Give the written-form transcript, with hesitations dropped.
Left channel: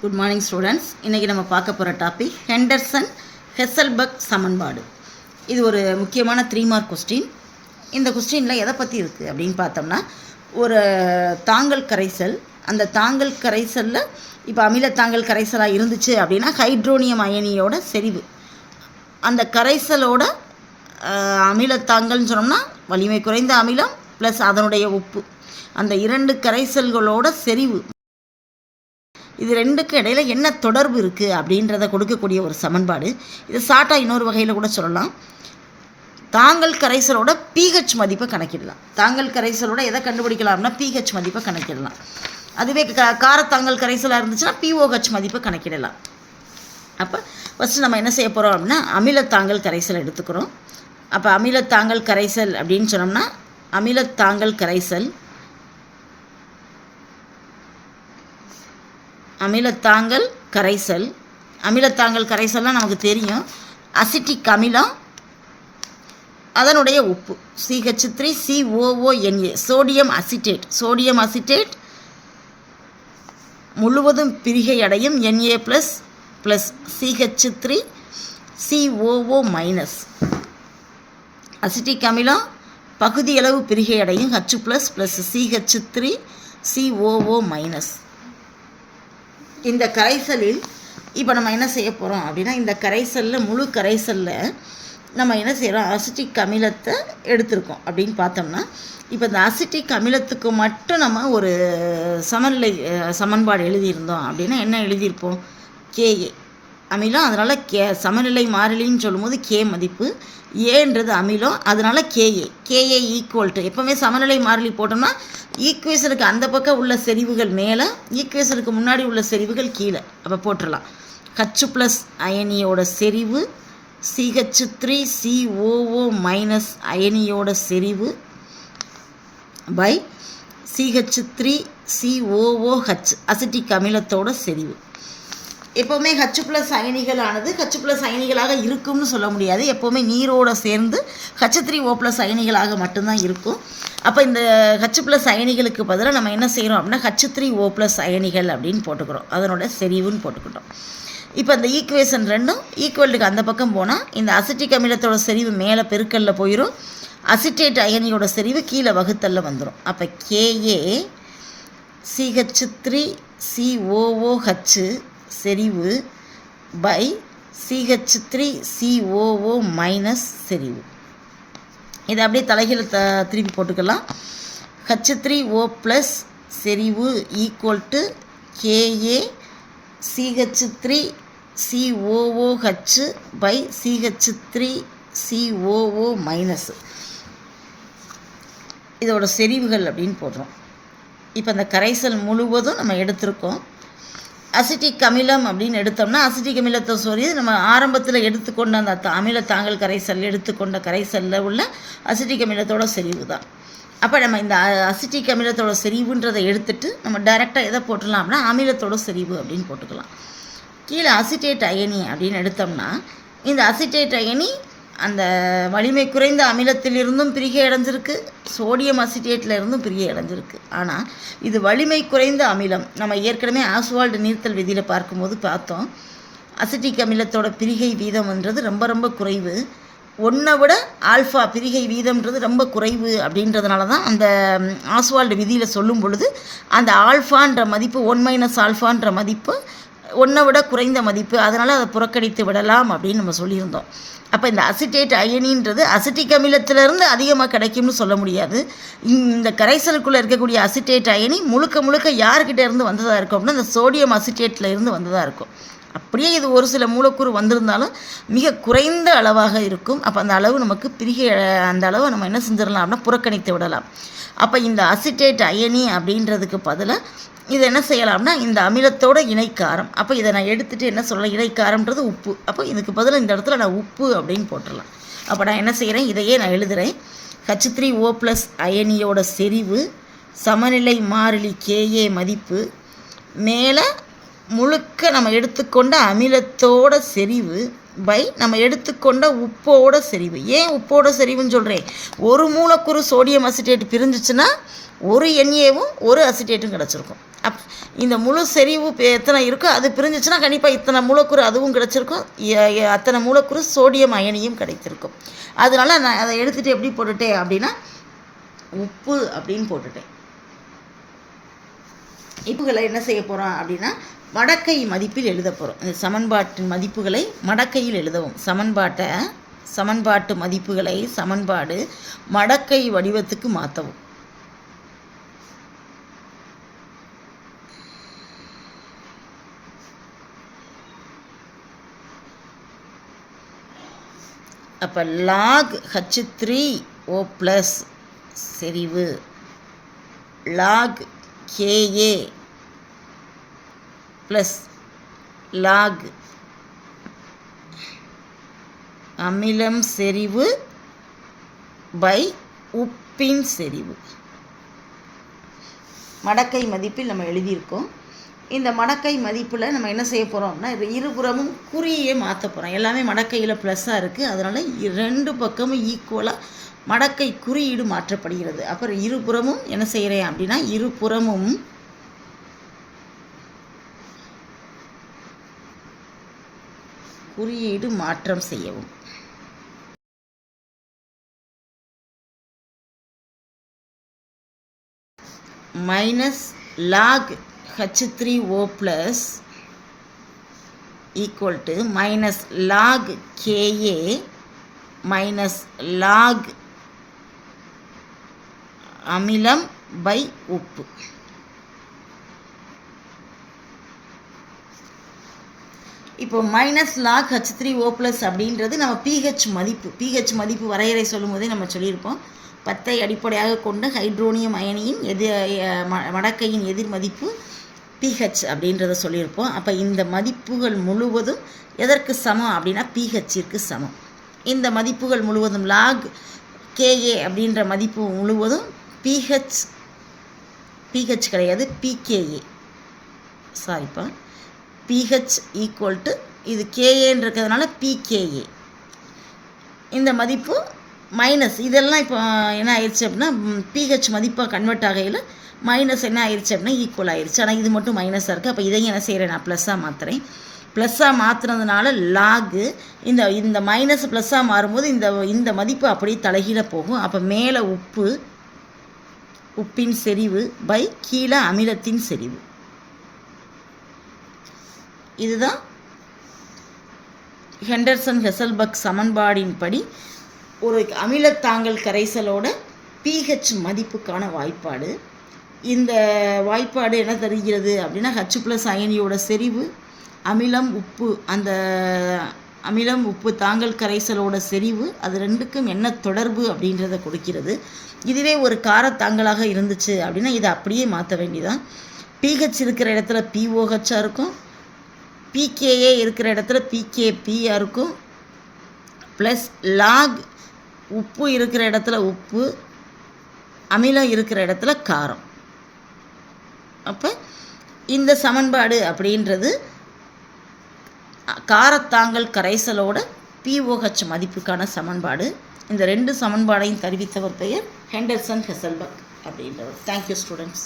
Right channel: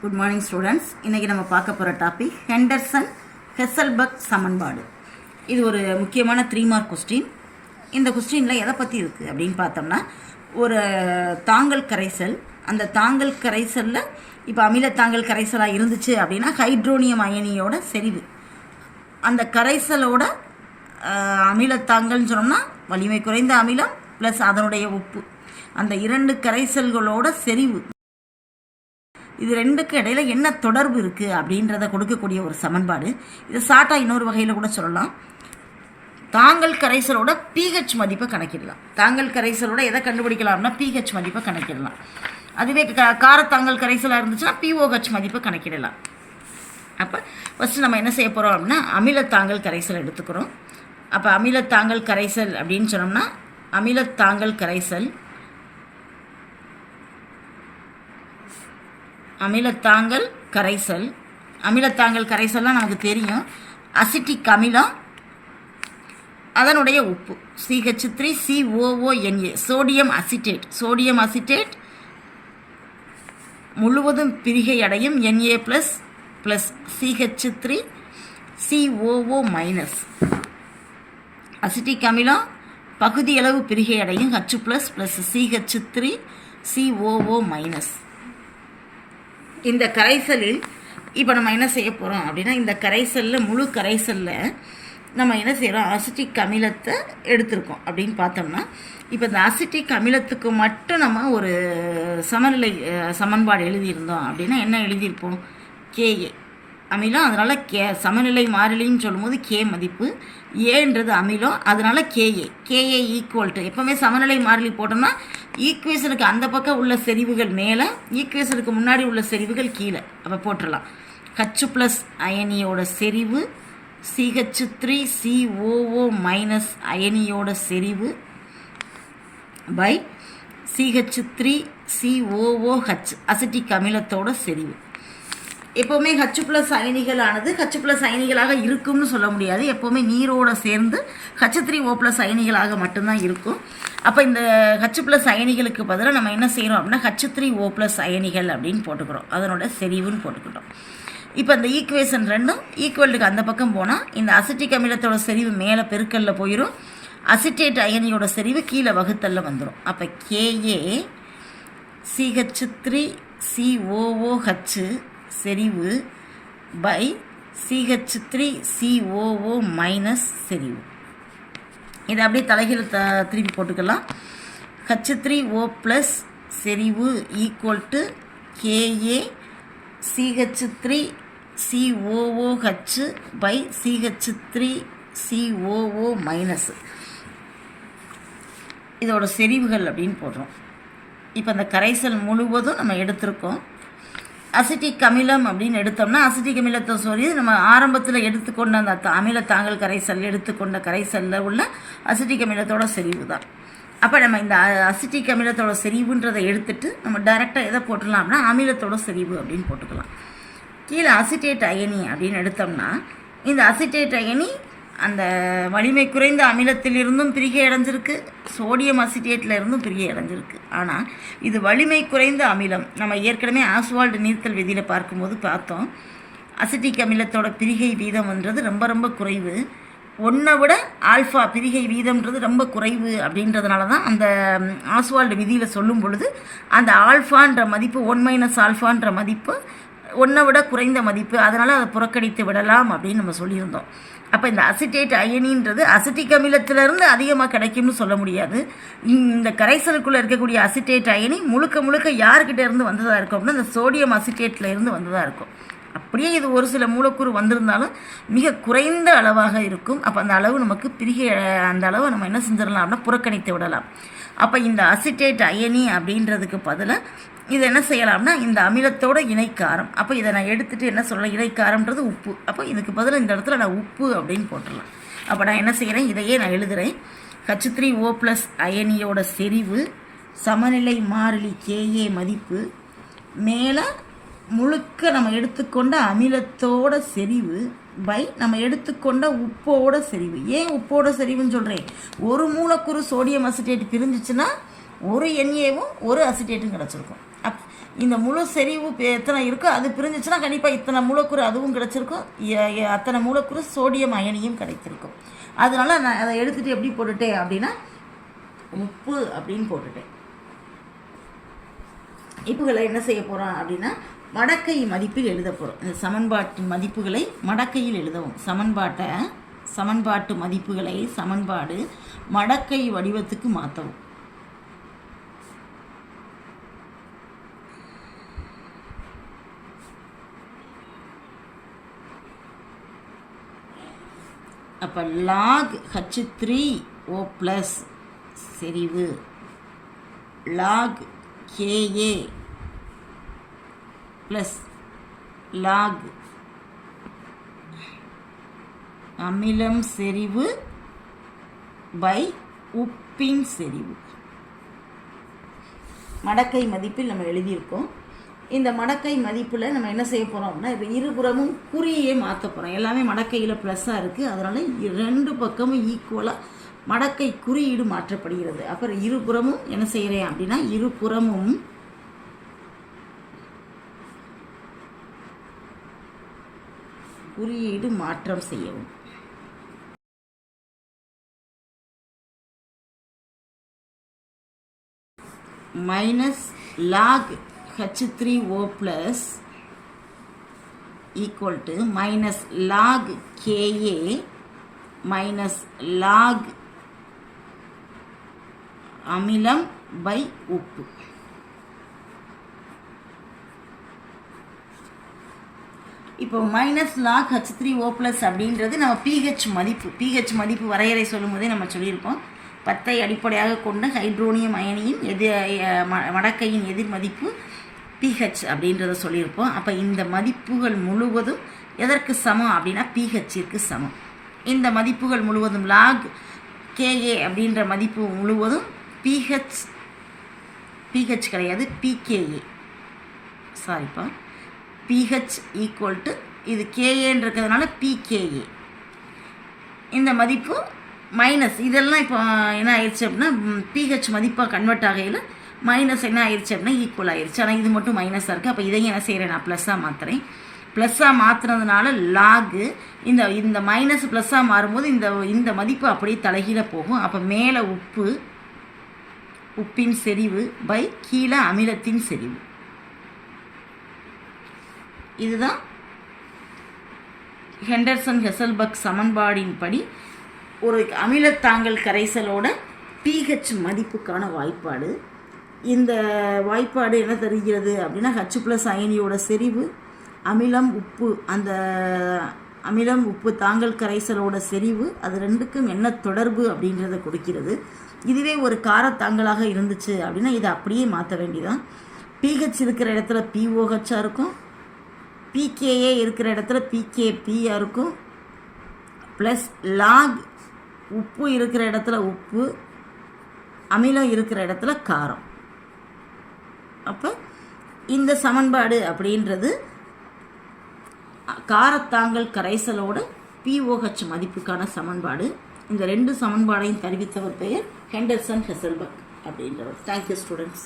Good morning students. இன்றைக்கி நம்ம பார்க்க போகிற டாபிக் ஹெண்டர்சன் ஹெசல்பர்க் சமன்பாடு. இது ஒரு முக்கியமான 3 மார்க் கொஸ்டின். இந்த கொஸ்டினில் எதை பற்றி இருக்குது அப்படின்னு பார்த்தோம்னா, ஒரு தாங்கல் கரைசல், அந்த தாங்கல் கரைசலில் இப்போ அமிலத்தாங்கல் கரைசலாக இருந்துச்சு அப்படின்னா ஹைட்ரோனியம் அயனியோட செறிவு, அந்த கரைசலோட அமிலத்தாங்கல்னு சொன்னோம்னா வலிமை குறைந்த அமிலம் ப்ளஸ் அதனுடைய உப்பு, அந்த 2 கரைசல்களோட செறிவு, இது ரெண்டுக்கு இடையில் என்ன தொடர்பு இருக்குது அப்படின்றத கொடுக்கக்கூடிய ஒரு சமன்பாடு. இது ஷார்ட்டாக இன்னொரு வகையில் கூட சொல்லலாம். தாங்கல் கரைசலோட pH மதிப்பை கணக்கிடலாம். தாங்கல் கரைசலோட எதை கண்டுபிடிக்கலாம்னா pH மதிப்பை கணக்கிடலாம். அதுவே காரத்தாங்கல் கரைசலாக இருந்துச்சுன்னா pOH மதிப்பை கணக்கிடலாம். அப்போ ஃபஸ்ட்டு நம்ம என்ன செய்ய போகிறோம் அப்படின்னா, அமிலத்தாங்கல் கரைசல் எடுத்துக்கிறோம். அப்போ அமிலத்தாங்கல் கரைசல் அப்படின்னு சொன்னோம்னா, அமிலத்தாங்கல் கரைசல் அமிலத்தாங்கல் கரைசல்லாம் நமக்கு தெரியும். அசிட்டிக் அமிலம், அதனுடைய உப்பு CH3COONA, சோடியம் அசிட்டேட் முழுவதும் பிரிகை அடையும் Na ப்ளஸ் CH3COO-. அசிட்டிக் அமிலம் பகுதியளவு பிரிகை அடையும் H ப்ளஸ் CH3COO-. இந்த கரைசலில் இப்போ நம்ம என்ன செய்ய போகிறோம் அப்படின்னா, இந்த கரைசலில் முழு கரைசலில் நம்ம என்ன செய்கிறோம், அசிட்டிக் அமிலத்தை எடுத்திருக்கோம் அப்படின்னு பார்த்தோம்னா, இப்போ இந்த அசிட்டிக் அமிலத்துக்கு மட்டும் நம்ம ஒரு சமன்பாடு எழுதியிருந்தோம் அப்படின்னா என்ன எழுதியிருப்போம், KA அமிலம், அதனால் சமநிலை மாறிலின்னு சொல்லும்போது K மதிப்பு, ஏன்றது அமிலம், அதனால் KA ஈக்குவல் டு, எப்போவுமே சமநிலை மாறிலி போட்டோம்னா ஈக்குவேஷனுக்கு அந்த பக்கம் உள்ள செறிவுகள் மேலே, ஈக்குவேஷனுக்கு முன்னாடி உள்ள செறிவுகள் கீழே. அப்போ போட்டுடலாம். H ப்ளஸ் அயனியோட செறிவு CH3COO- அயனியோட செறிவு பை CH3COOH அசிட்டிக் அமிலத்தோட செறிவு. எப்போவுமே H ப்ளஸ் அயனிகளானது H ப்ளஸ் அயனிகளாக இருக்கும்னு சொல்ல முடியாது. எப்போவுமே நீரோடு சேர்ந்து H3O+ அயனிகளாக மட்டும்தான் இருக்கும். அப்போ இந்த H ப்ளஸ் அயனிகளுக்கு பதிலாக நம்ம என்ன செய்கிறோம் அப்படின்னா H3O+ அயனிகள் அப்படின்னு போட்டுக்கிறோம், அதனோட செறிவுன்னு போட்டுக்கிட்டோம். இப்போ இந்த ஈக்குவேஷன் ரெண்டும் ஈக்குவலுக்கு அந்த பக்கம் போனால் இந்த அசிட்டிக் அமிலத்தோட செறிவு மேலே பெருக்கல்ல போயிடும், அசிட்டேட் அயனியோட செறிவு கீழே வகுத்தல்ல வந்துடும். அப்போ KA CH3COOH செறிவு பை CH3COO- செறிவு. இதை அப்படியே தலைகீழ திருப்பி போட்டுக்கலாம். H3O+ செறிவு equal to KA CH3COOH by CH3COO-. இதோட செறிவுகள் அப்படின்னு போடுறோம். இப்போ அந்த கரைசல் முழுவதும் நம்ம எடுத்திருக்கோம். அசிட்டிக் அமிலம் அப்படின்னு எடுத்தோம்னா அசிட்டிக் அமிலத்தை சொல்லி நம்ம ஆரம்பத்தில் எடுத்துக்கொண்ட அந்த அமிலத்தாங்கல் கரைசல் எடுத்துக்கொண்ட கரைசலில் உள்ள அசிட்டிக் அமிலத்தோட செறிவு தான். அப்போ நம்ம இந்த அசிட்டிக் அமிலத்தோட செறிவுன்றதை எடுத்துட்டு நம்ம டைரெக்டாக எதை போட்டுடலாம் அப்படின்னா அமிலத்தோட செறிவு அப்படின்னு போட்டுக்கலாம். கீழே அசிட்டேட் அயனி அப்படின்னு எடுத்தோம்னா, இந்த அசிட்டேட் அயனி அந்த வலிமை குறைந்த அமிலத்திலிருந்தும் பிரிகை அடைஞ்சிருக்கு, சோடியம் அசிட்டேட்டில் இருந்தும் பிரிகை அடைஞ்சிருக்கு. ஆனால் இது வலிமை குறைந்த அமிலம். நம்ம ஏற்கனவே ஆஸ்வால்டு நீர்த்தல் விதியில் பார்க்கும்போது பார்த்தோம், அசிட்டிக் அமிலத்தோட பிரிகை வீதம்ன்றது ரொம்ப ரொம்ப குறைவு. 1 விட ஆல்ஃபா பிரிகை வீதம்ன்றது ரொம்ப குறைவு. அப்படின்றதுனால தான் அந்த ஆஸ்வால்டு விதியில் சொல்லும் பொழுது அந்த ஆல்ஃபான்ற மதிப்பு 1 - ஆல்ஃபான்ற மதிப்பு 1 விட குறைந்த மதிப்பு, அதனால் அதை புறக்கணித்து விடலாம் அப்படின்னு நம்ம சொல்லியிருந்தோம். அப்போ இந்த அசிட்டேட் அயனின்றது அசிட்டிக் அமிலத்திலேருந்து அதிகமாக கிடைக்கும்னு சொல்ல முடியாது. இந்த கரைசலுக்குள்ளே இருக்கக்கூடிய அசிட்டேட் அயனி முழுக்க யார்கிட்ட இருந்து வந்ததாக இருக்கும் அப்படின்னா இந்த சோடியம் அசிட்டேட்டில் இருந்து வந்ததாக இருக்கும். அப்படியே இது ஒரு சில மூலக்கூறு வந்திருந்தாலும் மிக குறைந்த அளவாக இருக்கும். அப்போ அந்த அளவு நமக்கு அந்த அளவு நம்ம என்ன செஞ்சிடலாம் அப்படின்னா புறக்கணித்து விடலாம். அப்போ இந்த அசிட்டேட் அயனி அப்படின்றதுக்கு பதிலாக இது என்ன செய்யலாம்னா இந்த அமிலத்தோட இணைக்காரம். அப்போ இதை நான் எடுத்துகிட்டு என்ன சொல்லலாம், இணைக்காரம்ன்றது உப்பு. அப்போ இதுக்கு பதிலாக இந்த இடத்துல நான் உப்பு அப்படின்னு போட்டுடலாம். அப்போ நான் என்ன செய்கிறேன், இதையே நான் எழுதுகிறேன். H3O+ அயனியோட செறிவு சமநிலை மாறிலி KA மதிப்பு மேலே முழுக்க நம்ம எடுத்துக்கொண்ட அமிலத்தோட செறிவு பை நம்ம எடுத்துக்கொண்ட உப்போட செறிவு. ஏன் உப்போட செறிவுன்னு சொல்கிறேன், ஒரு மூலக்கூறு சோடியம் அசிட்டேட் பிரிஞ்சிச்சுன்னா ஒரு NAவும் ஒரு அசிட்டேட்டும் கிடச்சிருக்கும். இந்த முழு செறிவு எத்தனை இருக்கோ அது பிரிஞ்சிச்சுன்னா கண்டிப்பாக இத்தனை மூலக்கூறு அதுவும் கிடச்சிருக்கும், அத்தனை மூலக்கூறு சோடியம் அயனியும் கிடைத்திருக்கும். அதனால் நான் அதை எடுத்துகிட்டு எப்படி போட்டுட்டேன் அப்படின்னா உப்பு அப்படின்னு போட்டுட்டேன். இப்புகளை என்ன செய்ய போகிறோம் அப்படின்னா மடக்கை மதிப்பில் எழுத போகிறோம். இந்த சமன்பாட்டின் மதிப்புகளை மடக்கையில் எழுதவும். சமன்பாட்டு மதிப்புகளை சமன்பாடு மடக்கை வடிவத்துக்கு மாற்றவும். அப்போ log H3O ப்ளஸ் செறிவு log KA ப்ளஸ் log அமிலம் செறிவு பை உப்பின் செறிவு. மடக்கை மதிப்பில் நம்ம எழுதியிருக்கோம். இந்த மடக்கை மதிப்பில் நம்ம என்ன செய்ய போகிறோம் அப்படின்னா இருபுறமும் குறியே மாற்ற போகிறோம். எல்லாமே மடக்கையில் ப்ளஸ்ஸாக இருக்குது, அதனால் ரெண்டு பக்கமும் ஈக்குவலாக மடக்கை குறியீடு மாற்றப்படுகிறது. அப்புறம் இருபுறமும் என்ன செய்கிறேன் அப்படின்னா இருபுறமும் குறியீடு மாற்றம் செய்யவும். Minus log H3O plus equal to minus log KA minus log அமிலம் by உப்பு. இப்போ மைனஸ் log H3O plus அப்படின்றது நம்ம pH மதிப்பு வரையறை சொல்லும் போதே நம்ம சொல்லியிருப்போம். 10 அடிப்படையாக கொண்ட ஹைட்ரோனியம் அயனியின் மடக்கையின் எதிர் மதிப்பு pH அப்படின்றத சொல்லியிருப்போம். அப்போ இந்த மதிப்புகள் முழுவதும் எதற்கு சமம் அப்படின்னா pHற்கு சமம். இந்த மதிப்புகள் முழுவதும் log KA அப்படின்ற மதிப்பு முழுவதும் pH கிடையாது, pKa. சாரிப்பா, pH ஈக்குவல் டு இது KAன்னு இருக்கிறதுனால pKa. இந்த மதிப்பு மைனஸ் இதெல்லாம் இப்போ என்ன ஆயிடுச்சு அப்படின்னா pH மதிப்பாக கன்வெர்ட் ஆகையில் மைனஸ் என்ன ஆயிடுச்சு அப்படின்னா ஈக்குவல் ஆயிடுச்சு. ஆனால் இது மட்டும் மைனஸாக இருக்குது. அப்போ இதையும் என்ன செய்கிறேன், நான் ப்ளஸ்ஸாக மாற்றுறேன். ப்ளஸ்ஸாக மாற்றுனதுனால லாகு இந்த மைனஸ் ப்ளஸ்ஸாக மாறும்போது இந்த மதிப்பு அப்படியே தலைகீழ போகும். அப்போ மேலே உப்பின் செறிவு பை கீழே அமிலத்தின் செறிவு. இதுதான் ஹெண்டர்சன் ஹெசல்பர்க் சமன்பாடின்படி ஒரு அமிலத்தாங்கல் கரைசலோட pH மதிப்புக்கான வாய்ப்பாடு. இந்த வாய்ப்பாடு என்ன தருகிறது அப்படின்னா H+ அயனியோட செறிவு அமிலம் உப்பு, அந்த அமிலம் உப்பு தாங்கல் கரைசலோட செறிவு, அது ரெண்டுக்கும் என்ன தொடர்பு அப்படின்றத கொடுக்கிறது. இதுவே ஒரு காரத்தாங்கலாக இருந்துச்சு அப்படின்னா இதை அப்படியே மாற்ற வேண்டியதான். pH இருக்கிற இடத்துல POHஆக இருக்கும், pKa இருக்கிற இடத்துல pKpஆக இருக்கும், ப்ளஸ் லாக் உப்பு இருக்கிற இடத்துல உப்பு, அமிலம் இருக்கிற இடத்துல காரம். அப்போ இந்த சமன்பாடு அப்படின்றது காரத்தாங்கல் கரைசலோட POH மதிப்புக்கான சமன்பாடு. இந்த ரெண்டு சமன்பாடையும் தருவித்தவர் பெயர் ஹெண்டர்சன் ஹெசல்பர்க் அப்படின்றவர். Thank you students.